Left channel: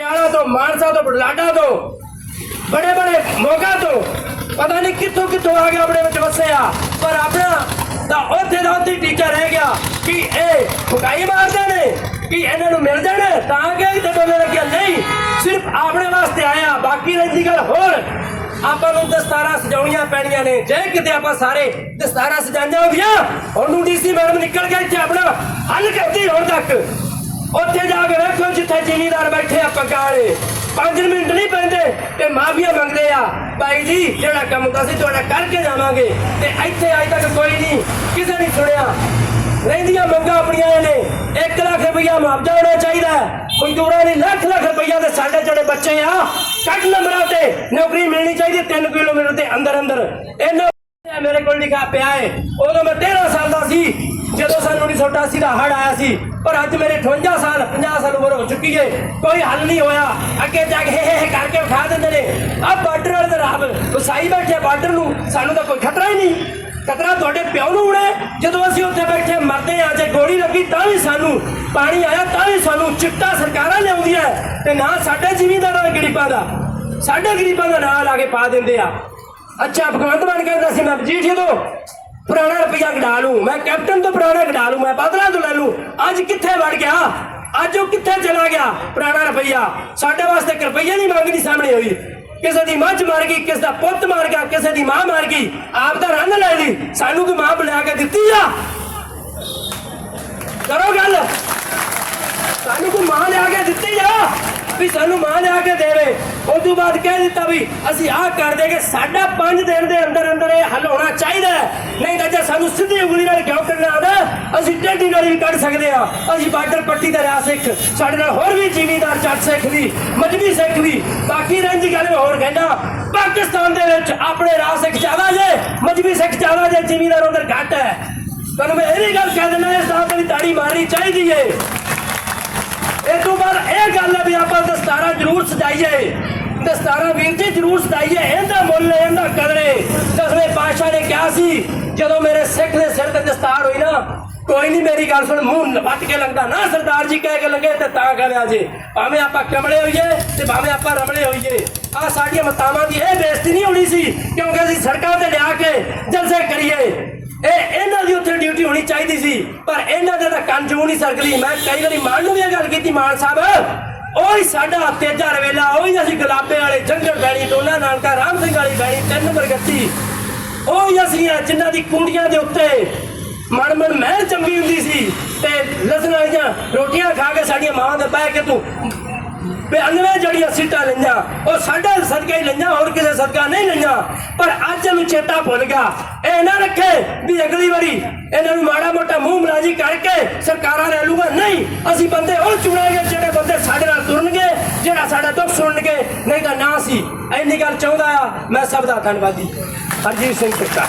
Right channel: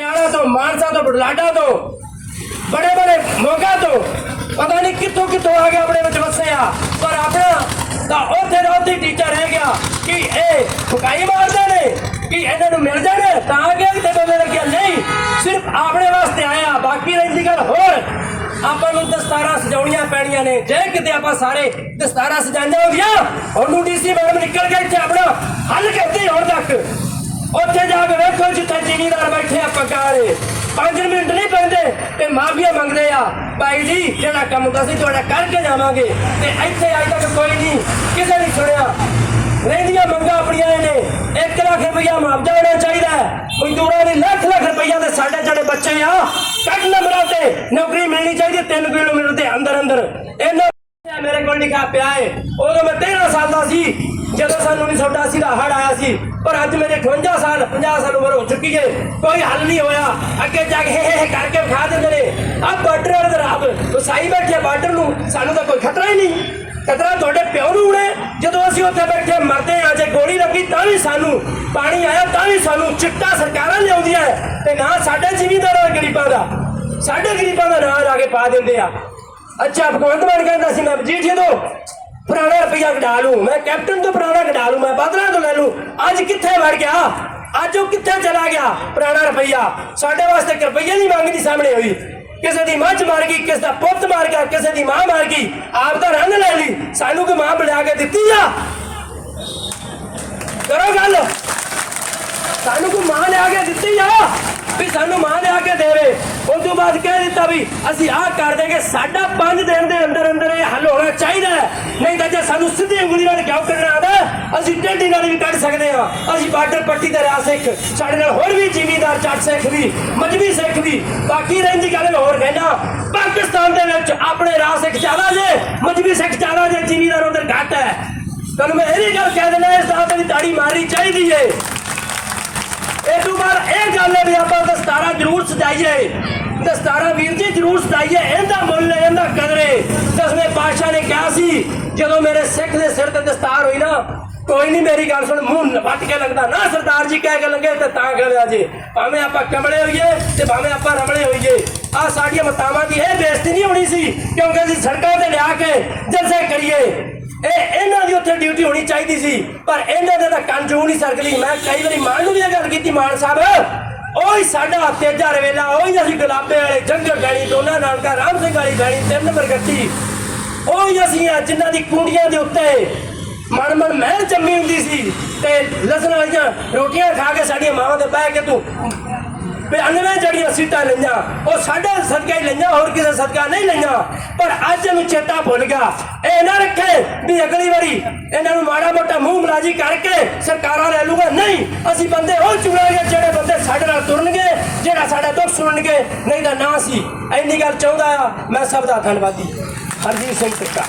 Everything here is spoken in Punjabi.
ਪਟਿਆਲਾ ਤੋਂ, ਮਾਨਸਾ ਤੋਂ ਬੁਢਲਾਡਾ ਤੋਂ, ਬੜੇ ਬੜੇ ਮੋਗਾ ਤੋਂ। ਪਤਾ ਨਹੀਂ ਕਿੱਥੋਂ ਕਿੱਥੋਂ ਆ ਗਿਆ ਆਪਣੇ ਵਿੱਚ ਵਸਿਆ। ਪਰ ਆਪਣਾ ਤਾਂ ਉੱਥੇ ਦਾ ਉੱਥੇ ਟੀਚਾ ਰਹਿ ਗਿਆ ਕਿ ਇਹ ਫੁਕਾਈ ਮਾਰਦੇ ਨੇ, ਕਿ ਇਹਨਾਂ ਨੂੰ ਮਿਲ ਜਾਣ, ਤਾਂ ਕਿ ਤੇ ਦੋਨੇ ਲੱਗਿਆ ਨਹੀਂ, ਸਿਰਫ ਆਪਣੇ ਵਾਸਤੇ ਆਇਆ ਬਾਕੀ ਰਹਿੰਦੀ ਗੱਲ ਹੋਰ। ਆਪਾਂ ਨੂੰ ਦਸਤਾਰਾਂ ਸਜਾਉਣੀਆਂ ਪੈਣੀਆਂ ਨੇ। ਜੇ ਕਿਤੇ ਆਪਾਂ ਸਾਰੇ ਦਸਤਾਰਾਂ ਸਜਾਈਆਂ ਹੁੰਦੀਆਂ, ਉਹਨੂੰ ਡੀਸੀ ਮੈਡਮ ਨਿਕਲ ਕੇ ਇੱਥੇ ਆਪਣਾ ਹੱਲ ਕਰਦੀ ਹੁਣ ਤੱਕ। ਉੱਥੇ ਜਾ ਕੇ ਵੇਖੋ ਜਿੱਥੇ ਜ਼ਿਮੀਦਾਰ ਬੈਠੇ ਆ ਪਕਾਰੇ 5 ਮਿੰਟ ਨਹੀਂ ਪੈਂਦੇ ਤੇ ਮਾਫੀਆ ਮੰਗਦੇ ਆ। ਭਾਈ ਜੀ, ਜਿਹੜਾ ਕੰਮ ਹੁੰਦਾ ਸੀ ਤੁਹਾਡਾ ਕਰਕੇ ਜਾਵਾਂਗੇ। ਤੇ ਇੱਥੇ ਅਜੇ ਤੱਕ ਕੋਈ ਨਹੀਂ, ਕਿਸੇ ਨੇ ਸੁਣਿਆ। ਰਹਿੰਦੀਆਂ ਮੰਗਾਂ ਆਪਣੀਆਂ ਨੇ। 1 ਲੱਖ ਰੁਪਇਆ ਮੁਆਵਜ਼ਾ ਹੋਣਾ ਚਾਹੀਦਾ ਹੈ। ਮਜ਼ਦੂਰਾਂ ਦੀ ਲੱਖ ਲੱਖ ਰੁਪਇਆ ਦੇ ਸਾਡੇ ਜਿਹੜੇ ਬੱਚੇ ਆ ਕੱਟ ਨੰਬਰਾਂ ਤੇ ਨੌਕਰੀ ਮਿਲਣੀ ਚਾਹੀਦੀ 3 ਕਿਲੋਮੀਟਰ ਦੇ ਅੰਦਰ ਅੰਦਰ। ਇਹਨਾਂ ਮੇਰੇ ਕੋਲ ਲਿਖਾ ਪਿਆ ਏ। ਉਦੋਂ ਮੈਂ 13 ਸਾਲ ਦਾ ਸੀ, ਜਦੋਂ ਸਾਨੂੰ 1988 ਦਾ ਹੜ ਆਇਆ ਸੀ। ਪਰ ਅੱਜ ਮੇਰੇ 58 ਸਾਲ 50 ਸਾਲ ਉਮਰ ਹੋ ਚੁੱਕੀ ਏ। ਕੋਈ ਹੱਲ ਨਹੀਂ ਹੋਇਆ। ਅੱਗੇ ਜਾ ਕੇ ਹੇ ਹੇ ਕਰਕੇ ਵਿਖਾ ਦਿੰਦੇ ਨੇ। ਆ ਬਾਰਡਰ ਵਾਲੇ ਦਾ ਰੱਬ ਵਸਾਈ ਬੈਠੇ ਬਾਰਡਰ ਨੂੰ। ਸਾਨੂੰ ਤਾਂ ਕੋਈ ਖਤਰਾ ਹੀ ਨਹੀਂ। ਖਤਰਾ ਤੁਹਾਡੇ ਪਿਓ ਨੂੰ ਉੜੇ ਜਦੋਂ ਅਸੀਂ ਉੱਥੇ ਬੈਠੇ ਮਰਦੇ ਆ ਜੇ ਗੋਲੀ ਲੱਗੀ ਤਾਂ ਵੀ ਸਾਨੂੰ ਪਾਣੀ ਆਇਆ, ਤਾਂ ਵੀ ਸਾਨੂੰ ਚਿੱਟਾ ਸਰਕਾਰਾਂ ਲਿਆਉਂਦੀਆਂ ਤੇ ਨਾ ਸਾਡੇ ਜ਼ਿਮੀਂਦਾਰਾਂ ਦਾ ਗਰੀਬਾਂ ਦਾ। ਸਾਡੇ ਗਰੀਬਾਂ ਦਾ ਨਾਂ ਲਾ ਕੇ ਪਾ ਦਿੰਦੇ ਆ। ਅੱਛਾ, ਭਗਵੰਤ ਮਾਨ ਕਹਿੰਦਾ ਸੀ, ਮੈਂ ਜੀ ਤੋਂ ਪੁਰਾਣਾ ਰੁਪਈਆ ਕਢਾ ਲੂੰ ਮੈਂ ਕੈਪਟਨ ਤੋਂ ਪੁਰਾਣਾ ਕਢਾ ਲੂੰ ਮੈਂ ਬਾਦਲਾਂ ਤੋਂ ਲੈ ਲੂੰ ਅੱਜ ਕਿੱਥੇ ਵੜ ਗਿਆ? ਅੱਜ ਉਹ ਕਿੱਥੇ ਚਲਾ ਗਿਆ? ਪੁਰਾਣਾ ਰੁਪਈਆ। ਸਾਡੇ ਵਾਸਤੇ ਇੱਕ ਰੁਪਈਆ ਦੀ ਮੰਗ ਨਹੀਂ ਸਾਹਮਣੇ ਹੋਈ। ਕਿਸੇ ਦੀ ਮੱਝ ਮਾਰ ਗਈ, ਕਿਸੇ ਦਾ ਪੁੱਤ ਮਾਰ ਗਿਆ, ਕਿਸੇ ਦੀ ਮਾਂ ਮਾਰ ਗਈ, ਆਪ ਦਾ ਰੰਗ ਲੈ ਲਈ। ਸਾਨੂੰ ਕੋਈ ਮਾਂ ਬਣਾ ਕੇ ਦਿੱਤੀ ਆ? ਕਰੋ ਗੱਲ। ਸਾਨੂੰ ਕੋਈ ਮਾਂ ਲਿਆ ਕੇ ਦਿੱਤੀ ਆ? ਵੀ ਸਾਨੂੰ ਮਾਂ ਲਿਆ ਕੇ ਦੇਵੇ। ਉਸ ਤੋਂ ਬਾਅਦ ਕਹਿ ਦਿੱਤਾ ਵੀ ਅਸੀਂ ਆਹ ਕਰ ਦੇਗੇ, ਸਾਡਾ 5 ਦਿਨ ਦੇ ਅੰਦਰ ਅੰਦਰ ਇਹ ਹੱਲ ਹੋਣਾ ਚਾਹੀਦਾ ਨਹੀਂ ਤਾਂ ਜੇ ਸਾਨੂੰ ਸਿੱਧੀ ਉਂਗਲੀ ਨਾਲ ਕਿਉਂ ਕੱਢਣਾ ਆਉਂਦਾ, ਅਸੀਂ ਟੇਢੀ ਨਾਲ ਵੀ ਕੱਢ ਸਕਦੇ ਆ ਅਸੀਂ ਬਾਰਡਰ ਪੱਟੀ ਦਾ ਰਾਹ ਸਿੱਖ, ਸਾਡੇ ਨਾਲ ਹੋਰ ਵੀ ਜ਼ਿਮੀਂਦਾਰ ਜੱਟ ਸਿੱਖ ਵੀ, ਮਜਬੀ ਸਿੱਖ ਵੀ, ਬਾਕੀ ਰਹਿੰਦੀ ਗੱਲ ਮੈਂ ਹੋਰ ਕਹਿਣਾ ਪਾਕਿਸਤਾਨ ਦੇ ਵਿੱਚ ਆਪਣੇ ਰਾਹ ਸਿੱਖ ਜ਼ਿਆਦਾ ਜੇ, ਮਜਬੀ ਸਿੱਖ ਜ਼ਿਆਦਾ ਜੇ, ਜਿਮੀਦਾਰ ਉਧਰ ਘੱਟ ਹੈ। ਤੁਹਾਨੂੰ ਮੈਂ ਇਹ ਵੀ ਗੱਲ ਕਹਿ ਦਿੰਦਾ, ਇਸ ਦਾ ਵੀ ਤਾੜੀ ਮਾਰਨੀ ਚਾਹੀਦੀ ਏ। ਇਹ ਇਹ ਗੱਲ ਹੈ ਵੀ ਆਪਾਂ ਦਸਤਾਰਾਂ ਜ਼ਰੂਰ ਸਜਾਈਏ। ਦਸਤਾਰਾਂ ਵੀਰ ਜੀ ਜ਼ਰੂਰ ਸਜਾਈਏ, ਇਹਦਾ ਮੁੱਲ ਇਹਦਾ ਕਦਰੇ। ਦਸਵੇਂ ਪਾਤਸ਼ਾਹ ਨੇ ਕਿਹਾ ਸੀ, ਜਦੋਂ ਮੇਰੇ ਸਿੱਖ ਦੇ ਸਿਰ ਤੇ ਦਸਤਾਰ ਹੋਈ ਨਾ, ਕੋਈ ਨਹੀਂ ਮੇਰੀ ਗੱਲ ਸੁਣ, ਮੂੰਹ ਵੱਟ ਕੇ ਲੱਗਦਾ ਨਾ, ਸਰਦਾਰ ਜੀ ਕਹਿ ਕੇ ਲੰਗੇ ਤੇ ਤਾਂ ਕਹਿੰਦੇ ਜੀ। ਭਾਵੇਂ ਆਪਾਂ ਕਮਲੇ ਹੋਈਏ ਤੇ ਭਾਵੇਂ ਆਪਾਂ ਰਮਲੇ ਹੋਈਏ। ਆ ਸਾਡੀਆਂ ਮਤਾਵਾਂ ਦੀ ਇਹ ਬੇਇੱਜ਼ਤੀ ਨਹੀਂ ਹੋਣੀ ਸੀ, ਕਿਉਂਕਿ ਅਸੀਂ ਸੜਕਾਂ ਤੇ ਲਿਆ ਕੇ ਜਲਸੇ ਕਰੀਏ। ਇਹ ਇਹਨਾਂ ਦੀ ਉੱਥੇ ਡਿਊਟੀ ਹੋਣੀ ਚਾਹੀਦੀ ਸੀ, ਪਰ ਇਹਨਾਂ ਦੇ ਤਾਂ ਕੰਨ ਜੂ ਨਹੀਂ ਸਰਕਲੀ ਮੈਂ ਕਈ ਵਾਰੀ ਮਾਨ ਨੂੰ ਵੀ ਇਹ ਗੱਲ ਕੀਤੀ, ਮਾਨ ਸਾਹਿਬ, ਉਹੀ ਸਾਡਾ ਤੇਜਾ ਰਵੇਲਾ, ਉਹੀ ਅਸੀਂ ਗੁਲਾਬੇ ਵਾਲੇ, ਜੰਗਲ ਬੈਣੀ ਦੋਨਾਂ ਨਾਨਕਾ ਰਾਮ ਸਿੰਘ ਵਾਲੀ ਬੈਣੀ ਤਿੰਨ ਨੰਬਰ ਗੱਟੀ, ਉਹੀ ਅਸੀਂ ਆ, ਜਿਨ੍ਹਾਂ ਦੀ ਕੁੰਡੀਆਂ ਦੇ ਉੱਤੇ ਮਨ ਮਨ ਮਹਿਲ ਜੰਮੀ ਹੁੰਦੀ ਸੀ, ਤੇ ਲਸਣ ਵਾਲੀਆਂ ਰੋਟੀਆਂ ਖਾ ਕੇ ਸਾਡੀਆਂ ਮਾਵਾਂ ਦੇ ਬਹਿ ਕੇ ਤੂੰ 92 ਜੜੀਆਂ ਸੀਟਾਂ ਲਈਆਂ, ਉਹ ਸਾਡਾ ਸਦਕਾ ਹੀ ਲਈਆਂ, ਹੋਰ ਕਿਸੇ ਸਦਕਾ ਨਹੀਂ ਲਈਆਂ। ਪਰ ਅੱਜ ਨੂੰ ਚੇਤਾ ਭੁੱਲ ਗਿਆ। ਇਹ ਨਾ ਰੱਖੇ ਵੀ ਅਗਲੀ ਵਾਰੀ ਇਹਨਾਂ ਨੂੰ ਮਾੜਾ ਮੋਟਾ ਮੂੰਹ ਮਲਾਜੀ ਕਰਕੇ ਸਰਕਾਰਾਂ ਲੈ ਲੂਗਾ। ਨਹੀਂ, ਅਸੀਂ ਬੰਦੇ ਉਹ ਚੁਣਾਂਗੇ, ਜਿਹੜੇ ਬੰਦੇ ਸਾਡੇ ਨਾਲ ਤੁਰਨਗੇ, ਜਿਹੜਾ ਸਾਡਾ ਦੁੱਖ ਸੁਣਨਗੇ। ਨਹੀਂ ਤਾਂ ਨਾ ਸੀ। ਇੰਨੀ ਗੱਲ ਚਾਹੁੰਦਾ ਆ, ਮੈਂ ਸਭ ਦਾ ਧੰਨਵਾਦੀ। ਹਰਜੀਤ ਸਿੰਘ ਟਿੱਕਾ।